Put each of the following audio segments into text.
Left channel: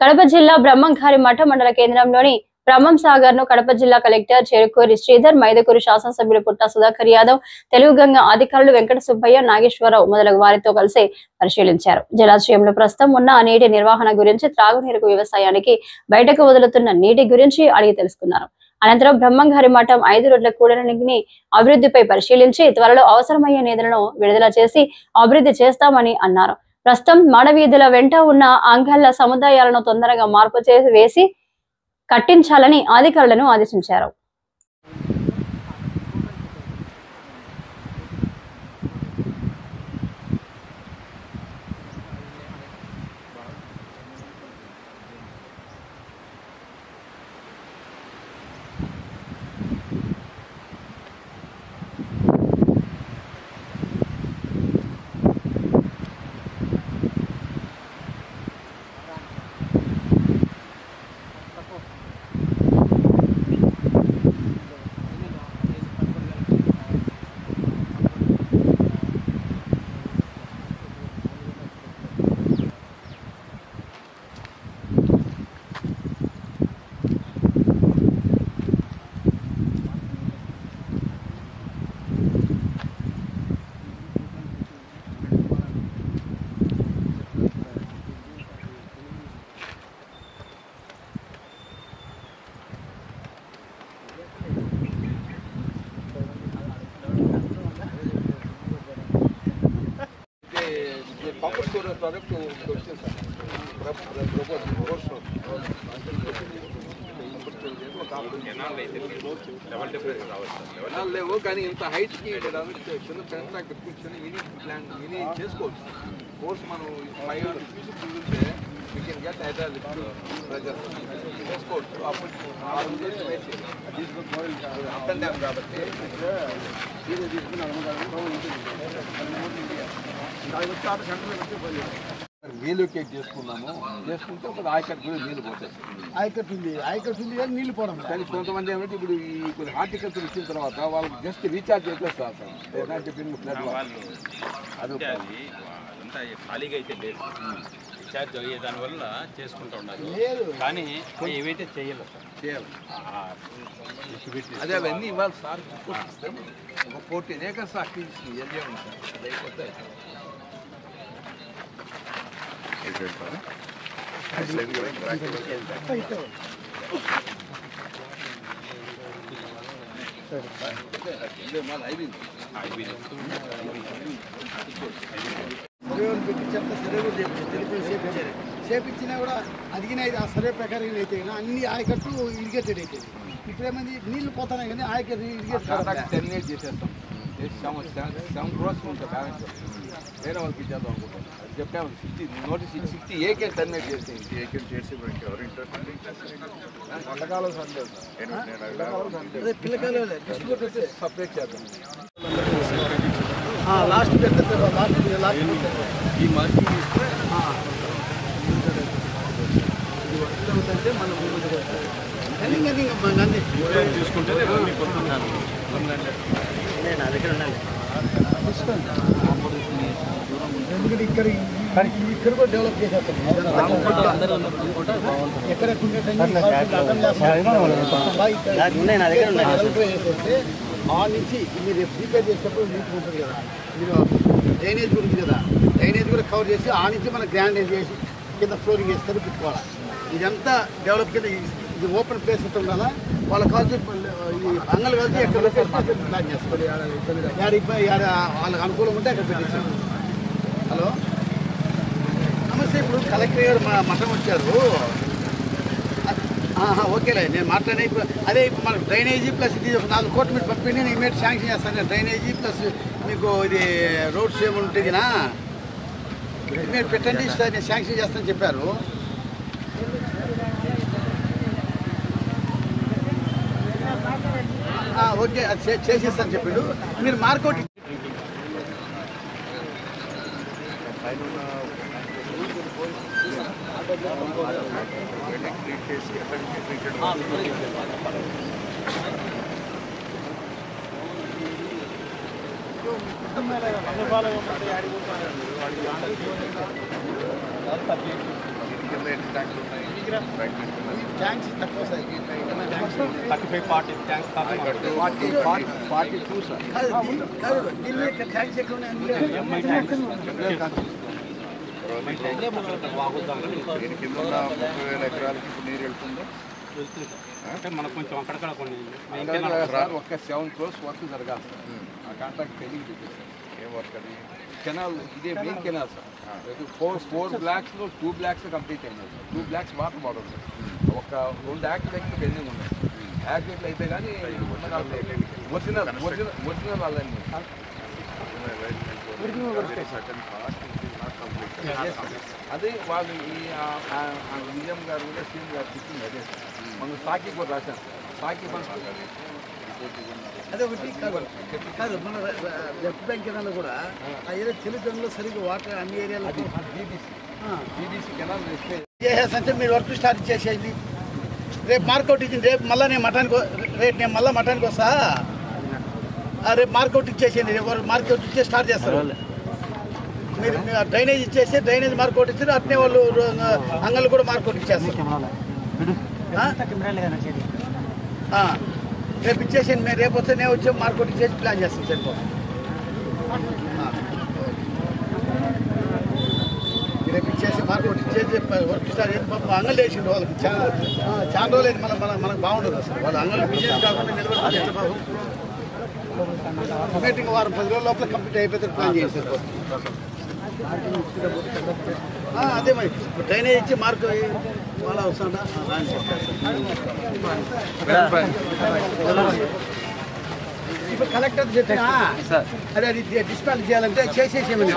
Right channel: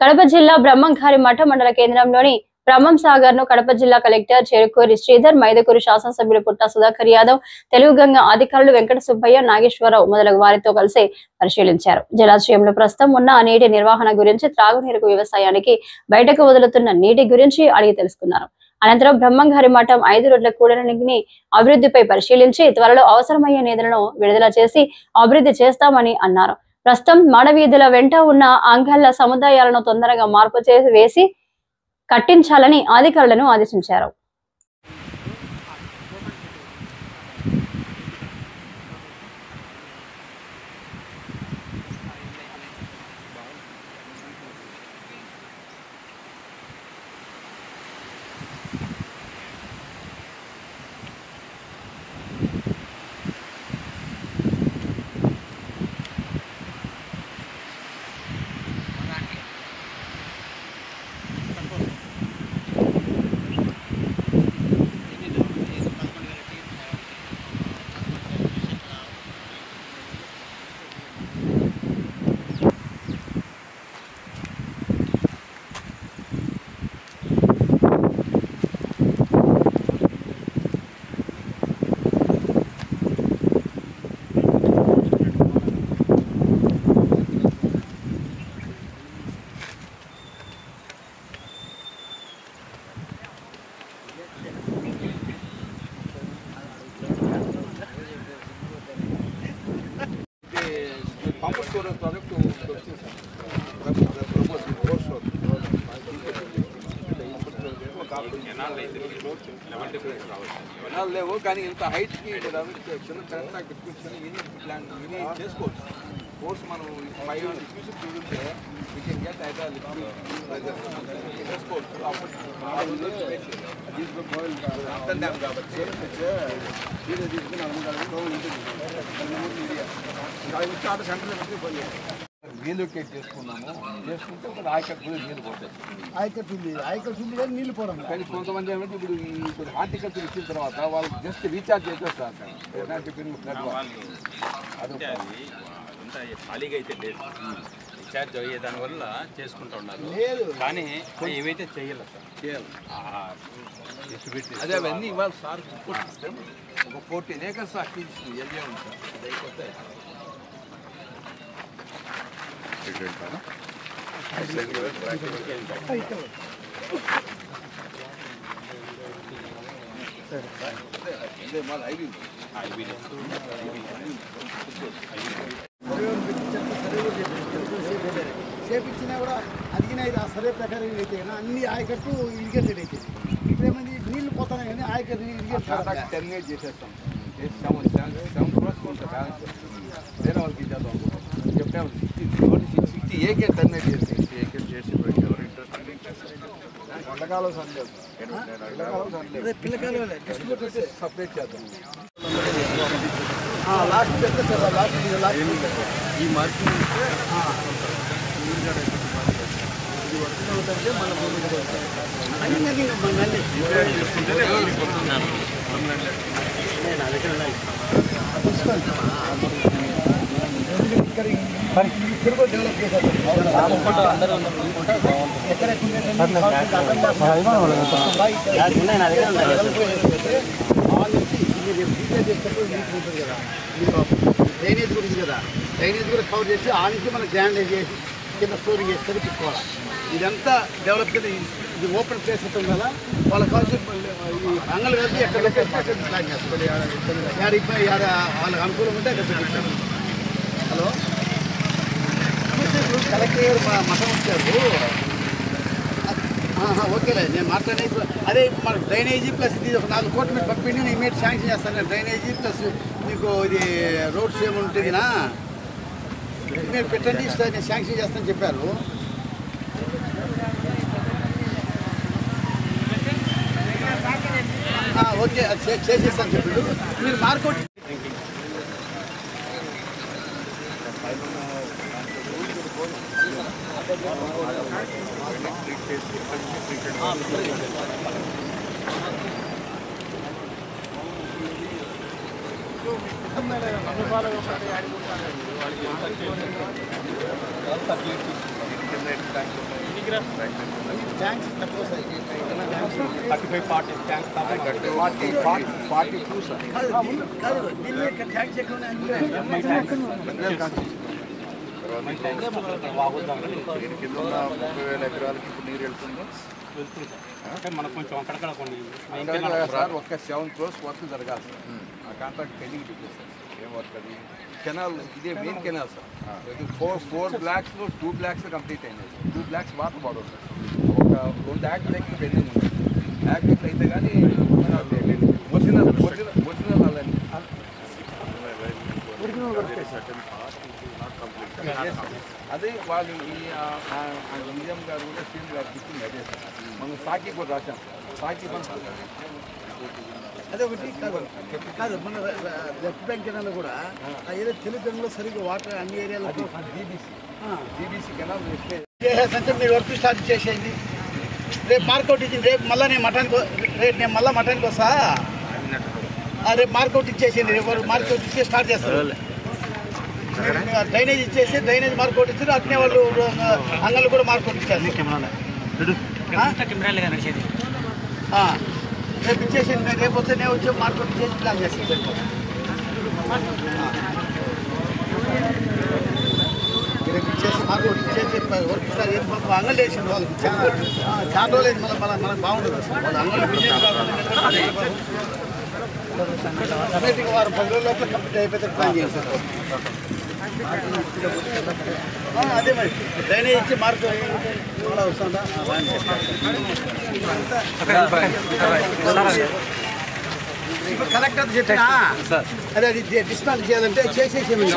కడప జిల్లా బ్రహ్మంగారి మఠ మండల కేంద్రంలోని బ్రహ్మం సాగర్ ను కడప జిల్లా కలెక్టర్ చేరుకోరి శ్రీధర్, మైదుకూరు శాసనసభ్యులు పుట్ట సుధాకర్ యాదవ్, తెలుగు గంగ అధికారులు వెంకట సుబ్బయ్య, నాగేశ్వరరావు మొదలగు వారితో కలిసి పరిశీలించారు. జలాశయంలో ప్రస్తుతం ఉన్న నీటి నిర్వహణ గురించి, త్రాగునీరుకు, వ్యవసాయానికి బయటకు వదులుతున్న నీటి గురించి అడిగి తెలుసుకున్నారు. అనంతరం బ్రహ్మంగారి మఠం 5 రోడ్ల కూడలిని అభివృద్ధిపై పరిశీలించి త్వరలో అవసరమయ్యే నిధులను విడుదల చేసి అభివృద్ధి చేస్తామని అన్నారు. ప్రస్తుతం మాడవీధుల వెంట ఉన్న అంగళ్ళ సముదాయాలను తొందరగా మార్పు వేసి కట్టించాలని అధికారులను ఆదేశించారు. Pump storage project to propose force లేవు కానీ ఇంత హైట్కి చిన్న పెద్ద పెట్టుకుంటే విని చేసుకోవచ్చు. కోర్స్ మనం 500 క్యూసెక్స్ చూస్తే we can get either lift pressure చేసుకోవచ్చు. అప్పుడు ఆ రోజు అప్ అండ్ డ్యామ్ కాబట్టి రీలొకేట్ చేసుకుంటే మరి ఆయకట్టు కూడా నీళ్ళు పోతాయి. ఆయకట్టు ఉంది కానీ నీళ్ళు పోవడం. కానీ కొంతమంది ఏమంటే ఇప్పుడు ఈ కొన్ని హార్టికల్చర్ ఇచ్చిన తర్వాత వాళ్ళు జస్ట్ రీఛార్జ్ చేసేస్తారు సార్. అదంతా ఖాళీగా అయితే లేదు, రీఛార్జ్ అయ్యే దానివల్ల చేసుకుంటూ ఉన్నారు. లేదు కానీ ఏవైతే చేయాలి చేయాలి అదే అవన్నీ ఇవాళ సార్ సిస్టమ్ ఒక 14 acres అక్విజిషన్ ఏరియా ఉంది సార్. అది అయిపోతే సర్వేలు పెట్టించంత సర్వే కూడా చేపించారు. చేపించినా కూడా అడిగిన ఆ సర్వే ప్రకారం అయితే అన్ని ఆయకట్టు ఇరిగేటెడ్ అవుతుంది. ఇప్పుడు ఏమైంది నీళ్లు పోతున్నాయి కానీ ఆయకట్టు ఇరిగేట్ టెర్మినేట్ చేసేస్తాం. 7 crores ఉంటుంది బ్యాలెన్స్. వేరే వాళ్ళకి ఇచ్చేద్దాం అనుకుంటాం. చెప్పాము 60 ఏకే టెర్మినేట్ చేస్తే ఎండాకాలం సందేహం పిల్లకాయలు డిస్ట్రిబ్యూటర్స్ సపరేట్ చేద్దాం. లాస్ట్ పెద్ద లాస్ట్ ఈ మార్పు ఇస్తే ఇది వర్క్ అవుతుంటే మన ముందుకు వస్తాయి అన్ని మంది చూసుకుంటే నా దగ్గర ఉండాలి. తీసుకోండి. ఎందుకంటే ఇక్కడ కూడా డెవలప్ చేసేస్తారు. ఆ నుంచి మీరు రీఛార్జ్ చేసేటప్పుడు నీట్ ఉంటుంది కదా, మీరు డ్రైనేజ్ గురించి కదా, డ్రైనేజ్ కూడా కవర్ చేసి ఆ నుంచి మనం గ్రాండేజ్ చేసి కింద స్టోరింగ్ చేసి తిప్పుకోవాలి. ఇదంతా డెవలప్ కింద ఇది ఓపెన్ ప్లేస్ ఉంటుంది కదా, వాళ్ళ కాల్చి ఈ అంగలు కలిసి ఎక్కడ ప్లాన్ చేసుకోవాలి. వాళ్ళకి అనుకూలంగా ఉంటే అక్కడ పెట్టించాము. హలో నమస్తే. ఇప్పుడు కలెక్టర్ గారు మా మఠం వచ్చారు. ఓకేలే నేను మాట్లాడే. ఇప్పుడు అదే ఇప్పుడు మనకు డ్రైనేజీ ప్లస్ ఇది ఒక 4 కోట్లు మీరు పంపిండి నేను ఇమీడియట్ శాంక్షన్ చేస్తాను. డ్రైనేజీ ప్లస్ మీకు ఇది రోడ్స్ ఏముంటుందినా మీరు పెట్టండి, నేను శాంక్షన్ చేస్తానని చెప్పారు. ఓకే అది చేసేస్తాను చెప్పిండు. మీరు మార్కౌట్ నమ్మకాలుగా కింద ఎన్ని ట్యాంకులు ఉన్నాయి ట్యాంక్స్ తక్కువ సార్ 35-40 ట్యాంక్స్ కాదు 42 సార్ ఢిల్లీ ట్యాంక్స్ ఎక్కువ కింద ఉన్న 30,000 ఎకరాలకి ఇప్పుడు నీరు వెళ్తుందా అంటే మనకు కొంచెం అక్కడక్కడ కొన్ని సార్ ఒక్క 7 crores వర్క్ జరగాలి సార్ ఆ కాంట్రాక్ట్ పెండింగ్ పెట్టేశారు ఏం వర్క్ అది కెనాల్ ఇదే main canal sir 4 బ్లాక్స్లో 2 blocks complete అయినాయి 2 బ్లాక్స్ వాటర్ బాడర్ సార్ ఒక 2 యాక్ట్ పెండింగ్ ఉన్నాయి యాక్ట్ అయితే కానీ ఒరిజినల్ అలాంటి అదే వాళ్ళు ఈ విజయం గారు కూడా శ్రీని గారికి ఇచ్చింది అదే సార్ మనం సాకి కూడా రాశాను సాకి అదే ఒకటి కాదు మన లెఫ్ట్ బ్యాంక్ కెనాల్ కూడా ఆ ఏరియా తెలుగులో సరిగ్గా వాటర్ అన్ని ఏరియాలో జీబీసీ కెనాల్ చేసేసంటే మీరు వర్క్ స్టార్ట్ చేసేది రేపు మార్కౌట్ ఇచ్చింది రేపు మళ్ళీ నేను మటానికి వస్తా రేపు మార్కౌట్ ఇచ్చేసేయండి రేపు మార్కౌట్ ఇచ్చే స్టార్ట్ చేస్తారు మీరు డ్రైనేజ్ ఇచ్చేసి డ్రైనేజ్ మార్కౌట్ ఇచ్చారు అట్నే వాళ్ళు అంగళ్ళు కూడా మార్కౌట్ ఇచ్చేస్తారు రేపు ఇచ్చేసేయండి నేను రేపు వస్తే నేను వచ్చి మార్కౌట్ ఇచ్చేసి ప్లాన్ చేస్తాను సరిపోతుంది రేపు ఇచ్చేసి మార్కౌట్ ఇచ్చేసి వర్క్ స్టార్ట్ అంగళ్ళు వేసిండు వాళ్ళకి చాలా రోజులు అయితే మనకు బాగుంటుంది అసలు వాళ్ళు అంగళ్ళు బిజినెస్ కాకుండా వారం 10 రోజుల లోపల కంప్లీట్ అయిపోతే ప్లాన్ చేస్తారు అదే మరి డ్రైనేజ్ ఇచ్చి మార్క్ చాలా వస్తుందా ఇప్పుడు కలెక్టర్ చెప్పినా అదే అది డిస్కౌంట్ చేయాలంటే చేసేసేమని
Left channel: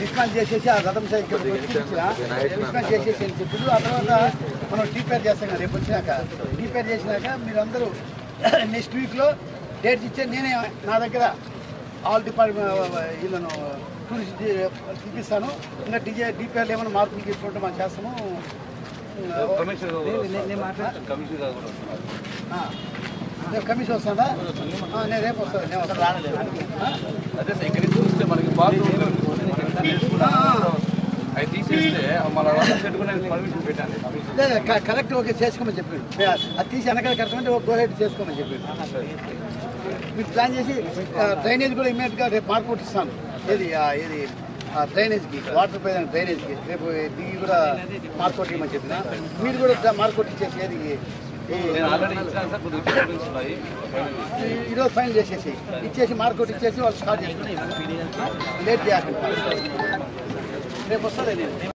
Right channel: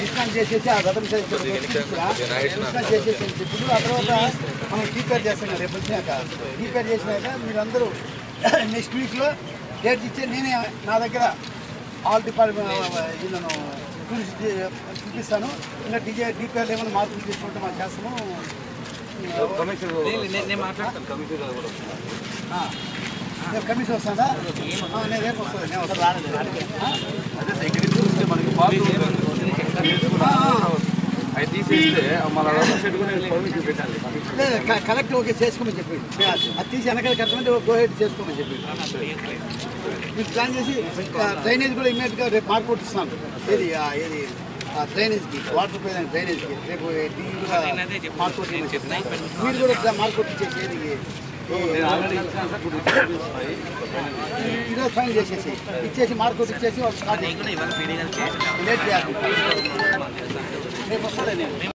డిస్కౌంట్ చేసేసి ఆ రథం డిస్కౌంట్ చేసేసి అని చెప్పి ఆ తర్వాత మనం డీపేర్ చేస్తాం రేపు వచ్చినాక డీపేర్ చేసినాక మీరు అందరూ నెక్స్ట్ వీక్లో డేట్ ఇచ్చే నేనే నా దగ్గర ఆల్ డిపార్ట్మెంట్ వీళ్ళను టూరిస్ట్ చూపిస్తాను ఇంకా డీపీఆర్ ఏమైనా మార్పులు తీసుకుంటే మనం చేస్తాము రేపు కమిషన్ వస్తుందా నేను రేపు వస్తాను నేను కలెక్టర్ ఓకే చేసుకోమని చెప్పాడు అది తీసి వెనకాల కట్టమంటే గో హెడ్ చేసుకోమని చెప్పాడు మీరు ప్లాన్ చేసి డ్రైనేజ్ కూడా ఇమ్మీడియట్గా రేపు మార్కౌట్ ఇస్తాను ఏది డ్రైనేజ్కి వాటర్ ప్రజెంట్ డ్రైనేజ్కి రేపు టీవీ కూడా మార్కౌట్ ఇవ్వమని చెప్పిన మీరు కూడా మార్కౌట్ ఇచ్చేసి ఏది ఈరోజు ఫైన్ చేసేసి ఇచ్చేసి మార్కౌట్ ఇచ్చేసి వాళ్ళు స్టార్ట్ చేసి లేట్ చేయాలి రేపు వస్తాడే నేను